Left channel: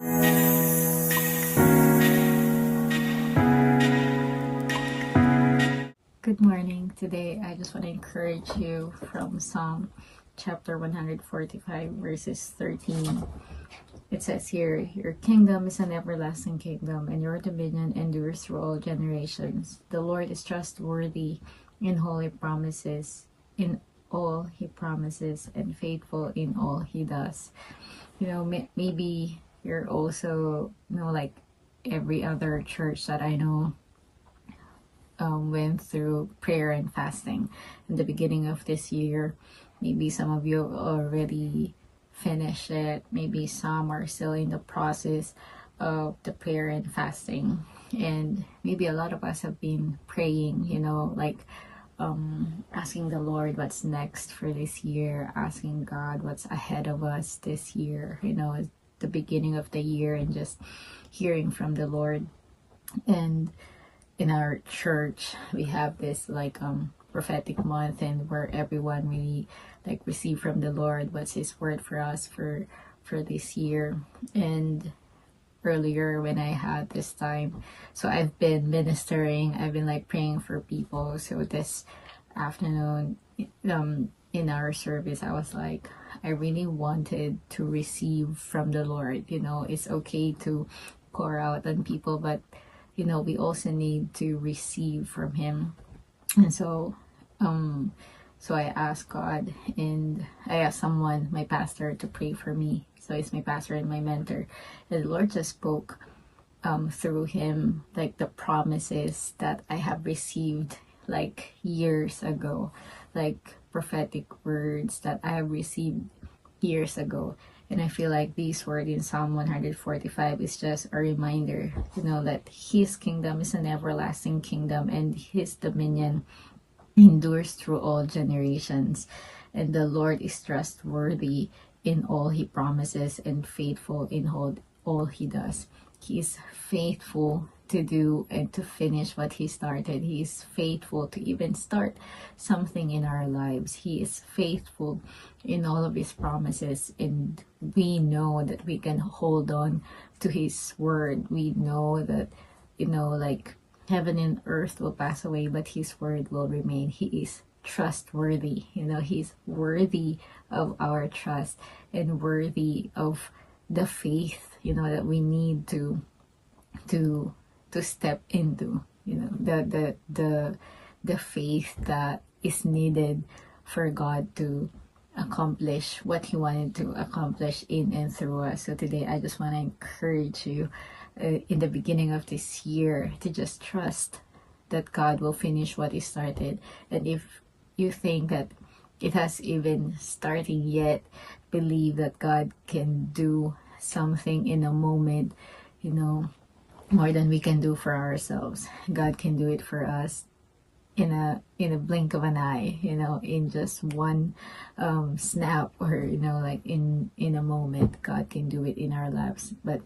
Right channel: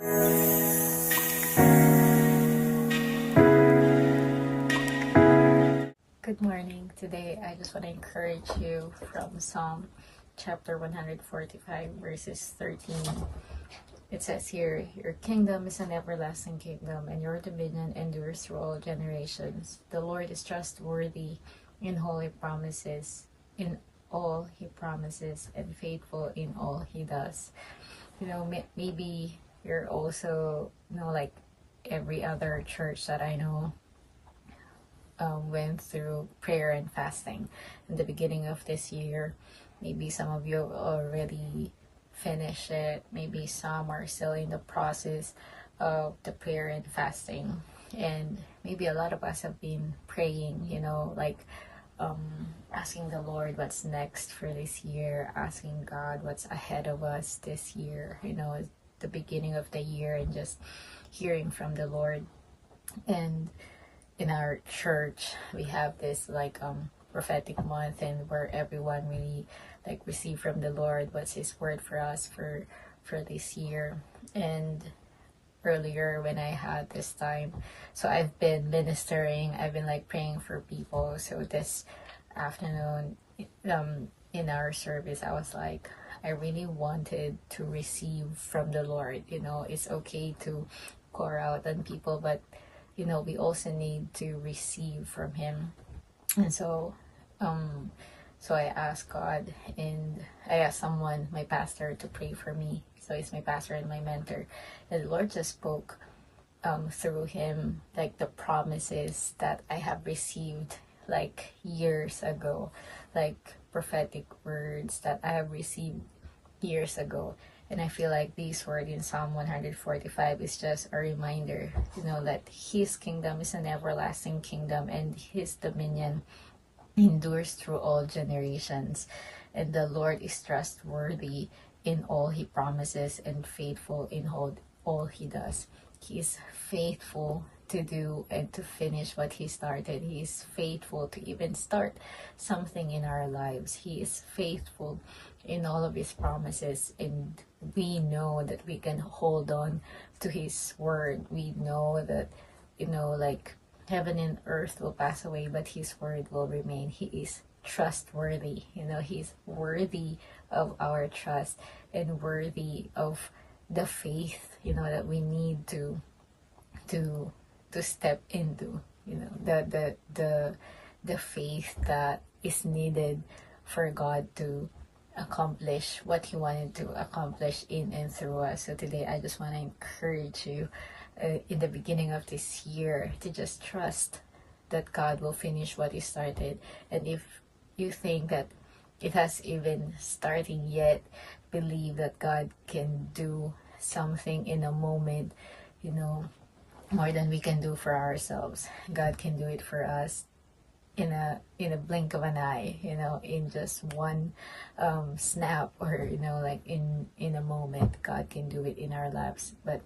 Good morning. Today, I just want to encourage you from Psalm chapter 145, verses 13. It says here, "Your kingdom is an everlasting kingdom, and your dominion endures through all generations. The Lord is trustworthy in all he promises, and faithful in all he does." Maybe you're also, like every other church that I know, went through prayer and fasting in the beginning of this year. Maybe some of you already finished it. Maybe some are still in the process of the prayer and fasting. And maybe a lot of us have been praying, asking the Lord what's next for this year, asking God what's ahead of us this year, the beginning of the year, and just hearing from the Lord. And in our church, we have this prophetic month, and where everyone really receive from the Lord what's his word for us for this year. And earlier when I had this time, so I've been ministering, I've been praying for people. So this afternoon, in our service, I was I really wanted to receive from the Lord. It's okay to pour out on people, but we also need to receive from him. And so I asked God, and I asked someone, my pastor, to pray for me. So he's my pastor and my mentor. And the Lord just spoke through him the promises that I have received years ago, prophetic words that I have received years ago. And I feel these words in Psalm 145 is just a reminder, that his kingdom is an everlasting kingdom, and his dominion endures through all generations. And the Lord is trustworthy in all he promises, and faithful in all he does. He is faithful to do and to finish what he started. He is faithful to even start something in our lives. He is faithful in all of his promises, and we know that we can hold on to his word. We know that heaven and earth will pass away, but his word will remain. He is trustworthy. He's worthy of our trust, and worthy of the faith that we need to step into, the faith that is needed for God to accomplish what he wanted to accomplish in and through us. So today, I just want to encourage you, in the beginning of this year, to just trust that God will finish what he started. And if you think that it has even started yet, believe that God can do something in a moment, more than we can do for ourselves. God can do it for us in a blink of an eye, in just one snap, or in a moment. God can do it in our lives. But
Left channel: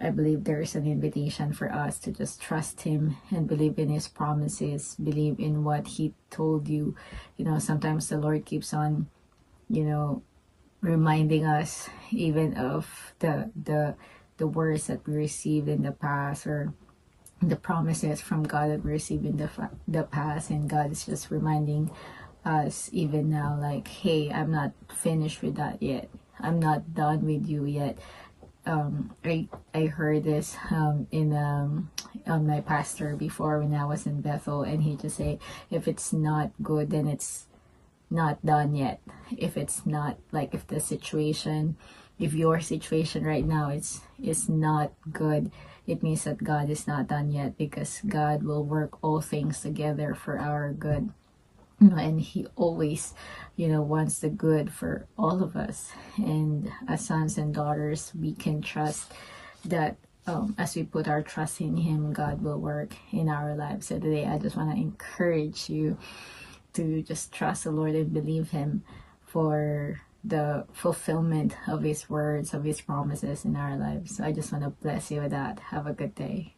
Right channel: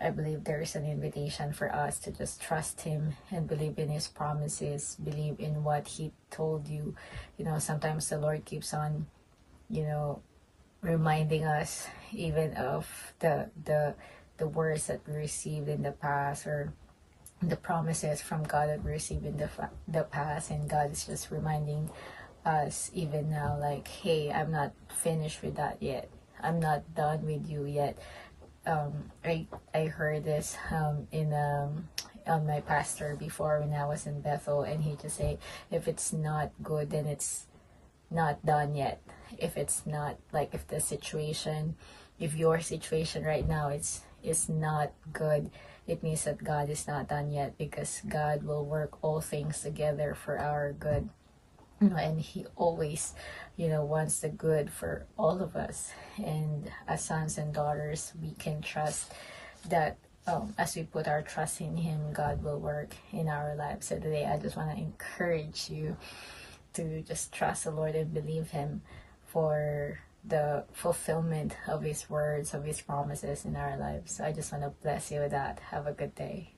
I believe there is an invitation for us to just trust him and believe in his promises, believe in what he told you. Sometimes the Lord keeps on reminding us even of the words that we received in the past, or the promises from God that we received in the past. And God is just reminding us even now, hey, I'm not finished with that yet. I'm not done with you yet. I heard this on my pastor before, when I was in Bethel, and he just say, if it's not good, then it's not done yet. If it's not, if your situation right now is not good, it means that God is not done yet, because God will work all things together for our good. And he always, wants the good for all of us. And as sons and daughters, we can trust that as we put our trust in him, God will work in our lives. So today, I just want to encourage you to just trust the Lord and believe him for the fulfillment of his words, of his promises in our lives. So I just want to bless you with that. Have a good day.